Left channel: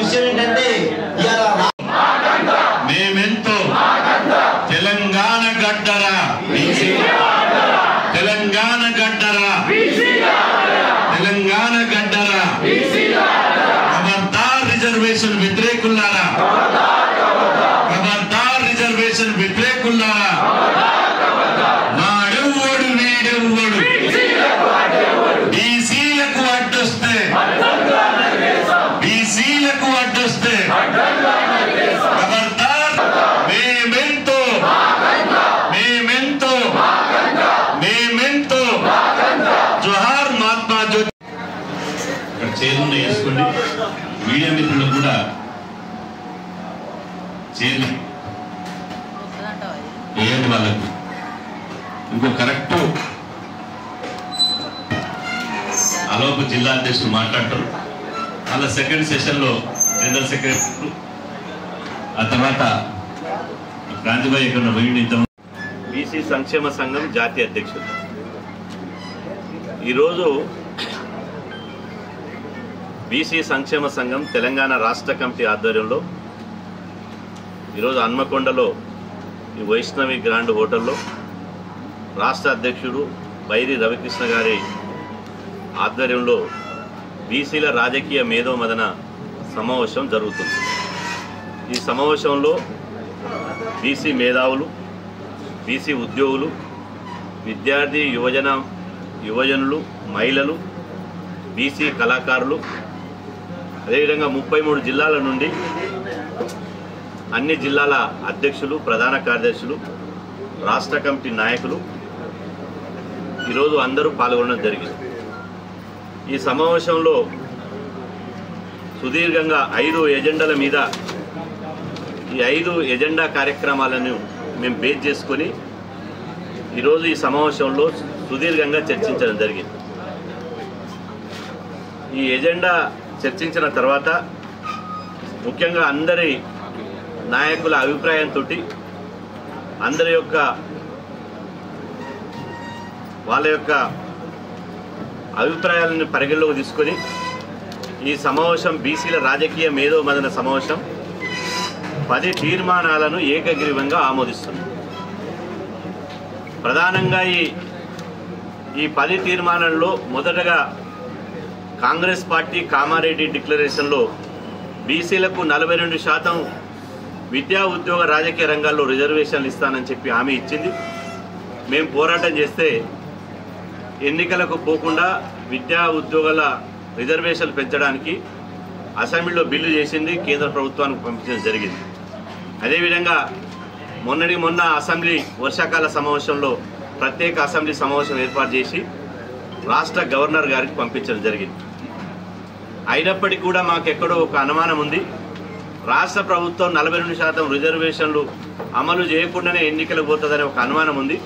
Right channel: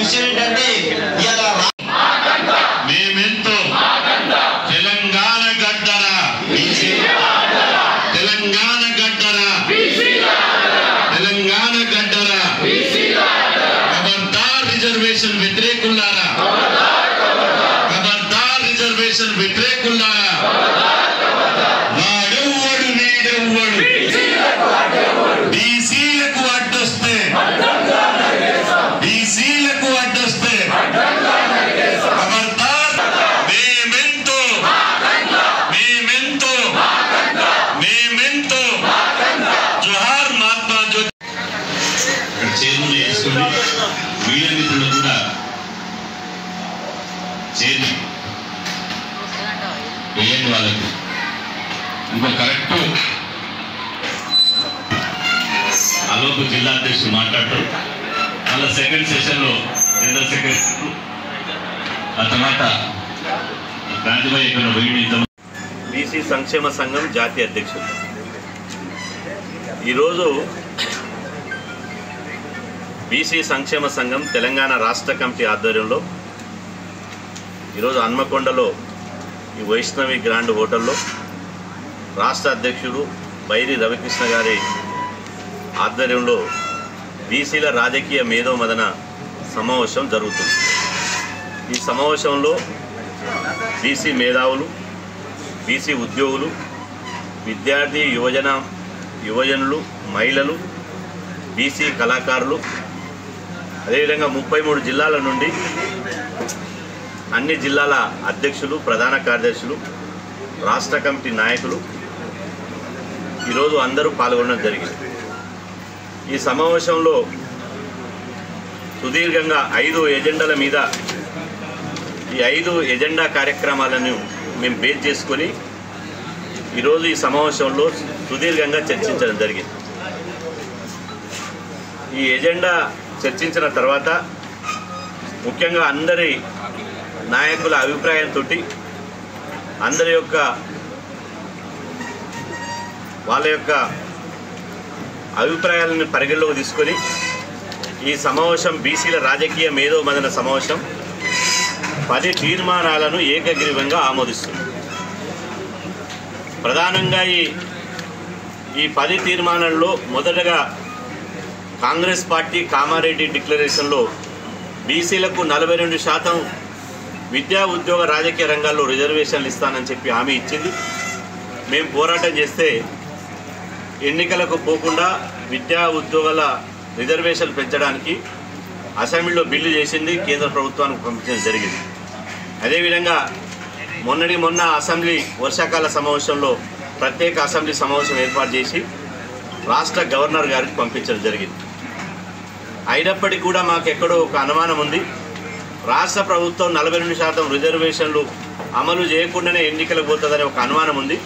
విషయం ఏంటంటే మేమెంతో తెలంగాణ గడ్డరా తెలంగాణ గడ్డరా తెలంగాణ గడ్డరా ఖబర్దార్ రిజర్వేషన్ వ్యతిరేకులారా ఖబర్దార్ రిజర్వేషన్ వ్యతిరేకులారా నాడెవ్వడు వీడెవ్వడు బీసీలకు అడ్డొస్తే బీసీలకు అడ్డొస్తే ఖబర్దార్ మేమెంతో మేమెంతో మేమెంతో జోహార్ మహాత్మా జ్యోతి ఇక్కడ చేరుని వేసుకోండి మీడియా మిత్రులు కూడా చేరి వేయండి వాళ్ళకు ఇంకో కరెక్ట్ ఆలోపు జిల్లా అధ్యక్షుడు మాట్లాడతారు మళ్ళీ సెకండ్ సెషన్లో జనరల్ సెక్రటరీ ఆ తర్వాత గాంధీబాయి ఇక్కడ వేయడం బీసీ సంక్షేమ సంఘం జాతీయ అధ్యక్షుడు ఈరోజు బీసీ సంక్షేమ సంఘం తెలంగాణ రాష్ట్ర కమిటీ ఆధ్వర్యంలో ఈరోజు హన్మకొండలో ఈ వైష్ణవి గ్రాండ్ హోటల్లో రాష్ట్ర అధ్యక్షుడు బైరి రవికృష్ణ గారి ఆధ్వర్యంలో బీసీల రాజకీయ మేధోమదన సమావేశం జరుగుతుంది. ఈ సమావేశంలో బీసీ మేధావులు, బీసీ ఉద్యోగులు, విద్యార్థి యువజనులు, మహిళలు, బీసీ కళాకారులు, అదేవిధంగా 33 జిల్లాల నుండి అన్ని జిల్లాల అధ్యక్షులు, ప్రధాన కార్యదర్శులు, రాష్ట్ర కమిటీ నాయకులు ఈరోజు అందరూ పాల్గొనడం జరిగింది. ఈ సమావేశంలో సుదీర్ఘంగా 5 ఎజెండాల మీద ఈ 5 ఎజెండా కార్యక్రమాలను మేము బేస్ చేసుకొని ఈరోజు ఈ సమావేశంలో సుదీర్ఘంగా చర్చించడం జరిగింది. ఈ ఎజెండా చర్చించిన తర్వాత ముఖ్యంగా అందరి నాయకుల అభిప్రాయంతో అందరి యొక్క వాళ్ళ యొక్క అభిప్రాయాలను పరిగణలోకి తీసుకొని ఈ సమావేశం బీసీల రాజకీయ మేధోమదన సమావేశం 10 తీర్మానాలను ఏకగ్రీవంగా ఆమోదిస్తుంది. ప్రధానంగా ఈ 10 తీర్మానాల్లో మొదటగా కాంగ్రెస్ పార్టీ కామారెడ్డి డిక్లరేషన్లో బీసీలకు 42% విద్యా ఉద్యోగ రాజకీయ రంగాల్లో రిజర్వేషన్లు ఇస్తానని చెప్పి హామీ ఇచ్చింది. మేము పోరాటం చేస్తే ఎన్నికలకు పోకుండా విద్యా ఉద్యోగాల రిజర్వేషన్లు పెంచడానికి అసెంబ్లీలో బిల్లు చేసింది, కేంద్ర ప్రభుత్వానికి పంపించడం జరిగింది. అదేవిధంగా మొన్న అసెంబ్లీ వర్షాకాల సమావేశంలో ప్రత్యేక అసెంబ్లీ సమావేశం ఏర్పాటు చేసి రాష్ట్ర గవర్నర్ గారికి పంపించడం జరిగింది. అయినప్పటికీ కూడా మాకెక్కడో ఒక అనుమానం ఉంది. రాష్ట్ర ప్రభుత్వం 42% రిజర్వేషన్లు అమలు చేయకుండానే ఎన్నికలకు పోతుందనే ఒక అనుమానం ఉంది.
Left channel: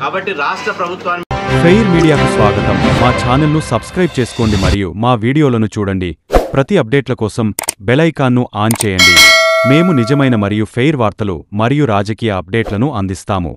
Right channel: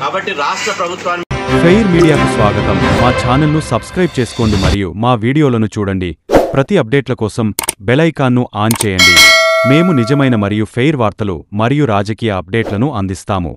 కాబట్టి రాష్ట్ర ప్రభుత్వాన్ని ఫెయిర్ మీడియాకు స్వాగతం. మా ఛానల్ను సబ్స్క్రైబ్ చేసుకోండి మరియు మా వీడియోలను చూడండి. ప్రతి అప్డేట్ల కోసం బెల్ ఐకాన్ను ఆన్ చేయండి. మేము నిజమైన మరియు ఫెయిర్ వార్తలు మరియు రాజకీయ అప్డేట్లను అందిస్తాము.